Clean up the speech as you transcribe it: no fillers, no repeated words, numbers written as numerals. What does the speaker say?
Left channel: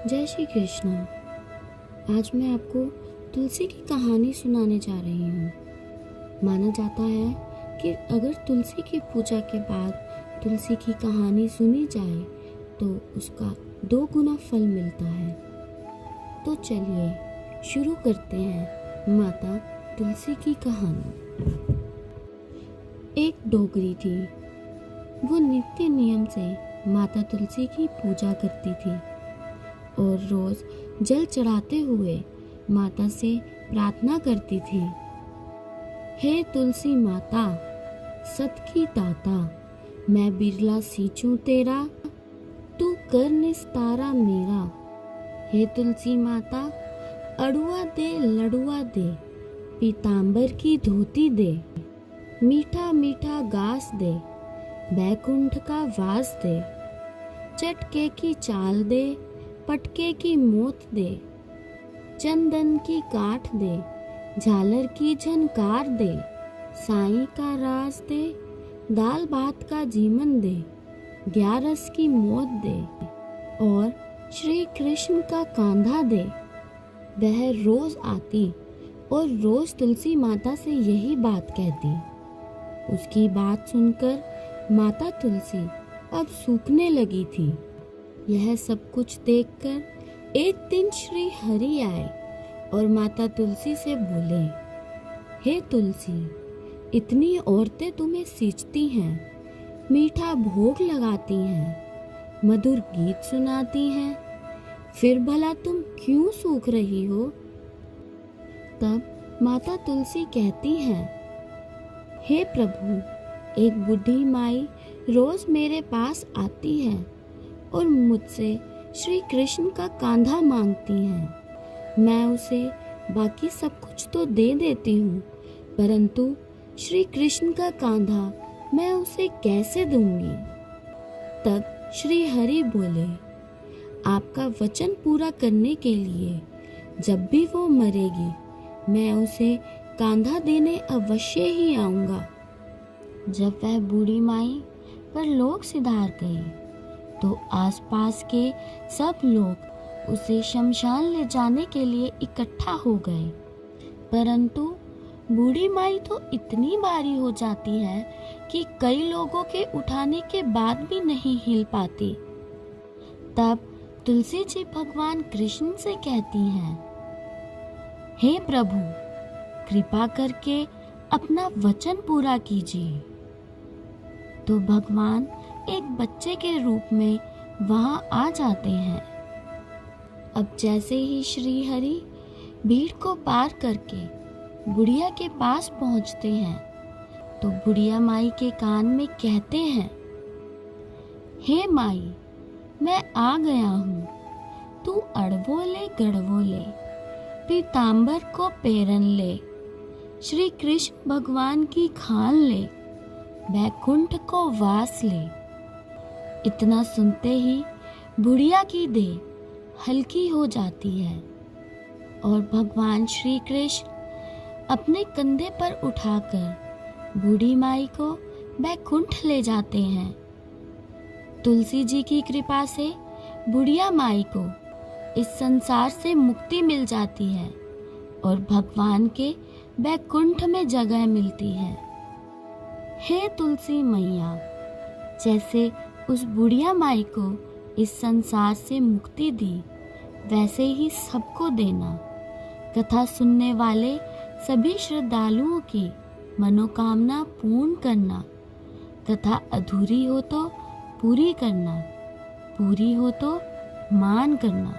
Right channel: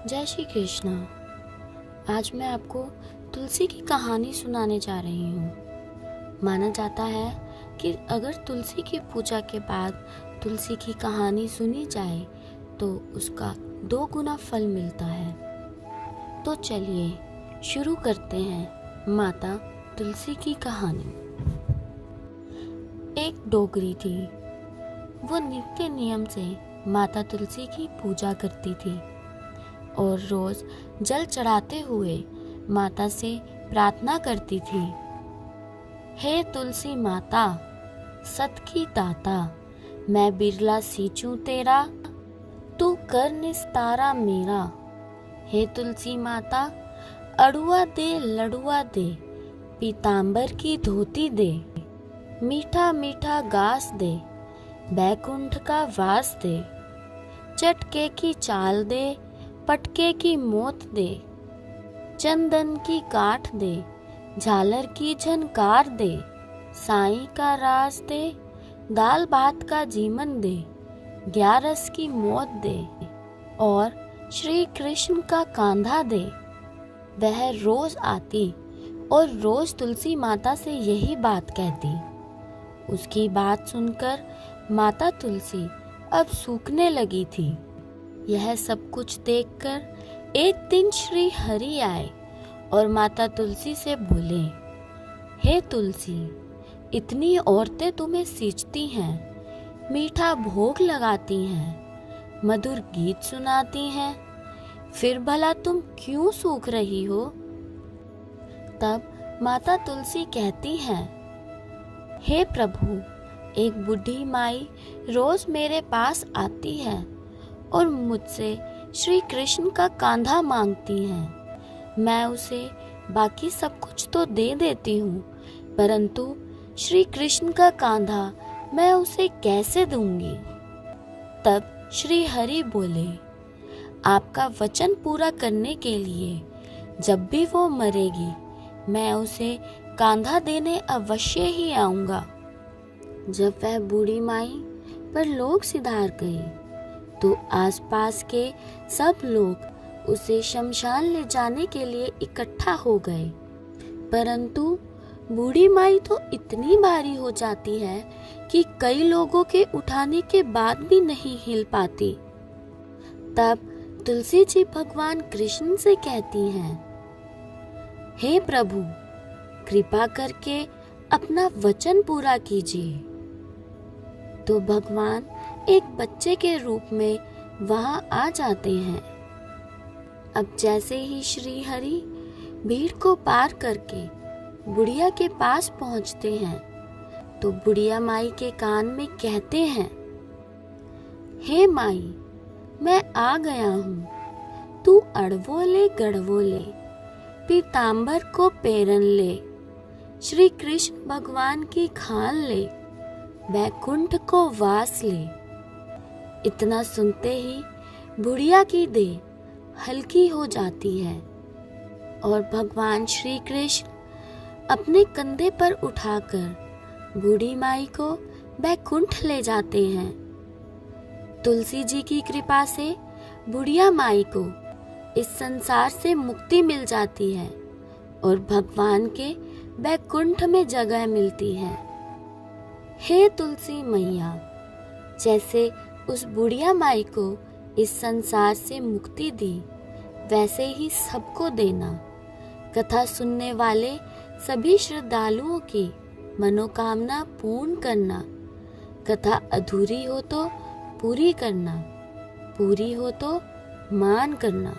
जय श्री कृष्ण। आज मैं आपको तुलसी की कहानी सुनाने जा रही हूँ। माना जाता है कि अगर तुलसी की पूजा के बाद तुलसी की कहानी सुनी जाए तो उसका 2 गुना फल मिलता है। तो चलिए शुरू करते हैं माता तुलसी की कहानी। एक डोगरी थी। वो नित्य नियम से माता तुलसी की पूजा करती थी और रोज जल चढ़ाते हुए माता से प्रार्थना करती थी, हे तुलसी माता सत की दाता, मैं बिरला सींचूं तेरा, तू कर निस्तारा मेरा। हे तुलसी माता अड़ुआ दे लड़ुआ दे, पीतांबर की धोती दे, मीठा मीठा घास दे, बैकुंठ का वास दे, चटके की चाल दे, पटके की मोत दे, चंदन की काठ दे, झालर की झनकार दे, साईं का रास दे, दाल भात का जीवन दे, 11 की मौत दे और श्री कृष्ण का कांधा दे। वह रोज आती और रोज तुलसी माता से यही बात कहती। उसकी बात सुनकर माता तुलसी अब सूखने लगी थी। यह सब कुछ देखकर एक दिन श्री हरि आए और माता तुलसी से बोले, हे तुलसी, इतनी औरतें तुम्हें सींचती हैं, मीठा भोग लगाती हैं, मधुर गीत सुनाती हैं, फिर भला तुम क्यों सूख रही हो? तब माता तुलसी कहती हैं, हे प्रभु, एक बूढ़ी माई रोज मेरे पास आती है और मुझसे श्री कृष्ण का कांधा मांगती हैं। मैं उसे बाकी सब कुछ तो दे देती हूँ, परंतु श्री कृष्ण का कांधा मैं उसे कैसे दूंगी? तब श्री हरि बोले, आपका वचन पूरा करने के लिए जब भी वो मरेगी मैं उसे कांधा देने अवश्य ही आऊंगा। जब वह बूढ़ी माई पर लोग सिधार गए तो आसपास के सब लोग उसे शमशान ले जाने के लिए इकट्ठा हो गए, परंतु बूढ़ी माई तो इतनी भारी हो जाती है कि कई लोगों के उठाने के बाद भी नहीं हिल पाती। तब तुलसी जी भगवान कृष्ण से कहती हैं, हे प्रभु, कृपा करके अपना वचन पूरा कीजिए। तो भगवान एक बच्चे के रूप में वहां आ जाते हैं। अब जैसे ही श्री हरि भीड़ को पार करके बुढ़िया के पास पहुंचते हैं तो बुढ़िया माई के कान में कहते हैं, हे माई, मैं आ गया हूँ, तू अड़वो ले गड़वो ले, पीतांबर को पेरन ले, श्री कृष्ण भगवान की खान ले, बैकुंठ को वास ले। इतना सुनते ही बुढ़िया की देह हल्की हो जाती है और भगवान श्री कृष्ण अपने कंधे पर उठाकर बूढ़ी माई को बैकुंठ ले जाते हैं। तुलसी जी की कृपा से बुढ़िया माई को इस संसार से मुक्ति मिल जाती है और भगवान के बैकुंठ में जगह मिलती है। हे तुलसी मैया, जैसे उस बुढ़िया माई को इस संसार से मुक्ति दी, वैसे ही सबको देना। कथा सुनने वाले सभी श्रद्धालुओं की मनोकामना पूर्ण करना। कथा अधूरी हो तो पूरी करना, पूरी हो तो मान करना।